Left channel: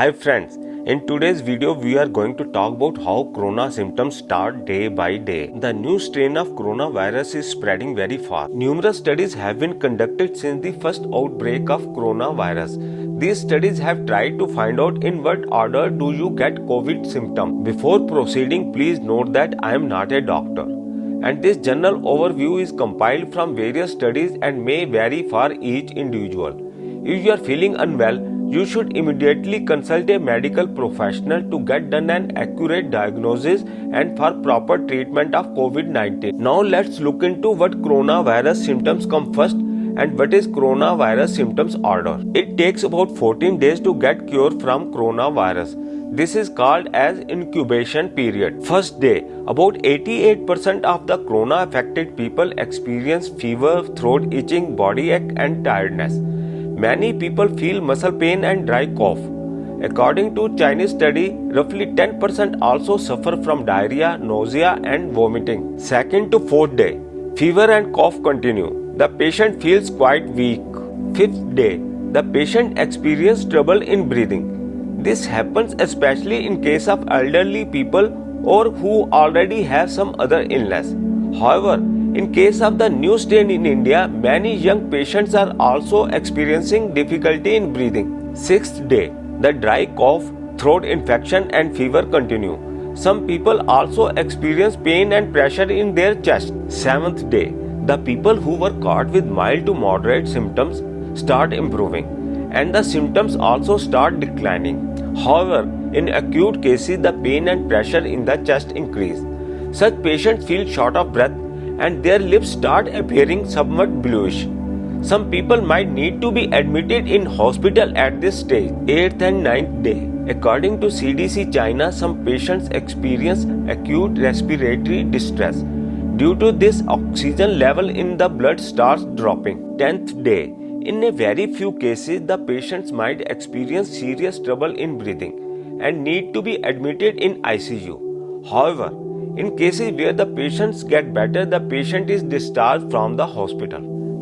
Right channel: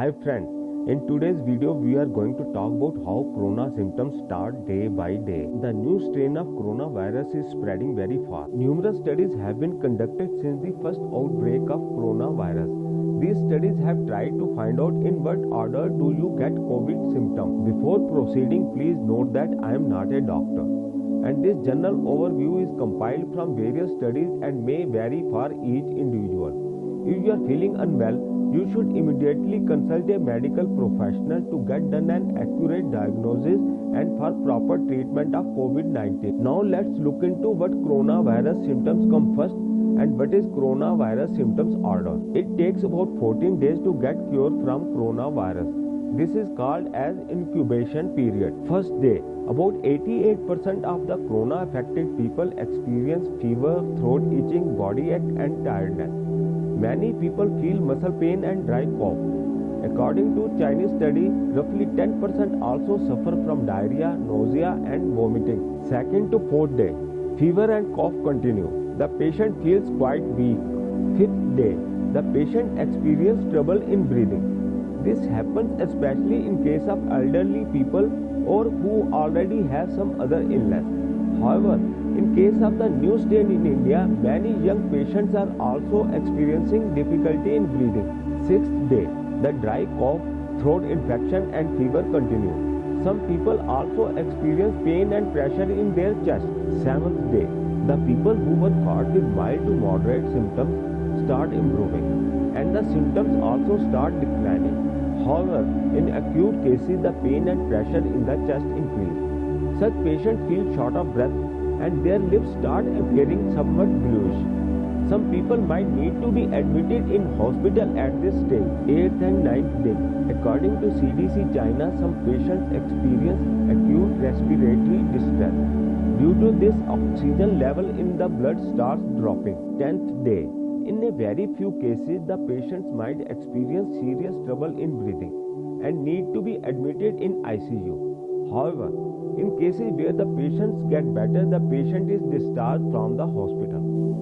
Hi friends, in today's video we are going to talk about how corona symptoms start day by day. The new strain of coronavirus is spreading very fast. Numerous studies have been conducted since the first outbreak of coronavirus. These studies have tried to find out in what order do you get COVID symptoms. Before proceeding, please note that I am not a doctor, and this general overview is compiled from various studies and may vary for each individual. If you are feeling unwell, you should immediately consult a medical professional to get done an accurate diagnosis and for proper treatment of COVID-19. Now let's look into what coronavirus symptoms come first and what is coronavirus symptoms order. It takes about 14 days to get cure from coronavirus. This is called as incubation period. First day, about 88% of the corona affected people experience fever, throat itching, body ache and tiredness. Many people feel muscle pain and dry cough. According to Chinese study, roughly 10% also suffer from diarrhea, nausea and vomiting. Second to fourth day, fever and cough continue. The patient feels quite weak. Fifth day, the patient experiences trouble in breathing. This happens especially in case of elderly people or who already have some other illness. However, in case of the new strain in India, many young patients are also experiencing difficulty in breathing. Sixth day, the dry cough, throat infection and fever continue. Some people also experience pain and pressure in their chest. Seventh day, the people who were caught with mild to moderate symptoms start improving and the symptoms also start declining. However, in acute cases, the pain and pressure in the chest increase. Such patients feel short of breath and their lips start appearing somewhat bluish. Some people might need to be admitted in hospital at this stage. 8th and 9th day. According to CDC China, some patients experience acute respiratory distress. Due to this, oxygen level in the blood starts dropping. 10th day. In a very few cases, the patients might experience serious trouble in breathing and need to be admitted in ICU. However, in cases where the patients get better, the patient is discharged from the hospital.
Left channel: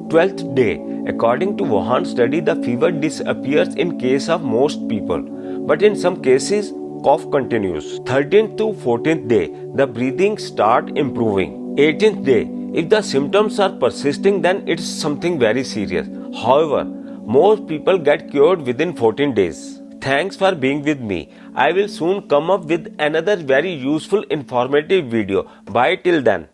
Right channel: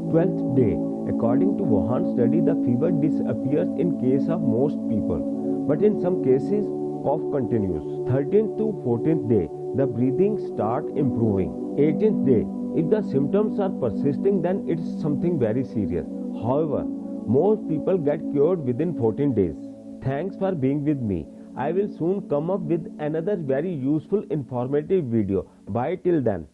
12th day. According to Wuhan study, the fever disappears in case of most people, but in some cases, cough continues. 13th to 14th day, the breathing start improving. 18th day, if the symptoms are persisting, then it's something very serious. However, most people get cured within 14 days. Thanks for being with me. I will soon come up with another very useful informative video. Bye till then.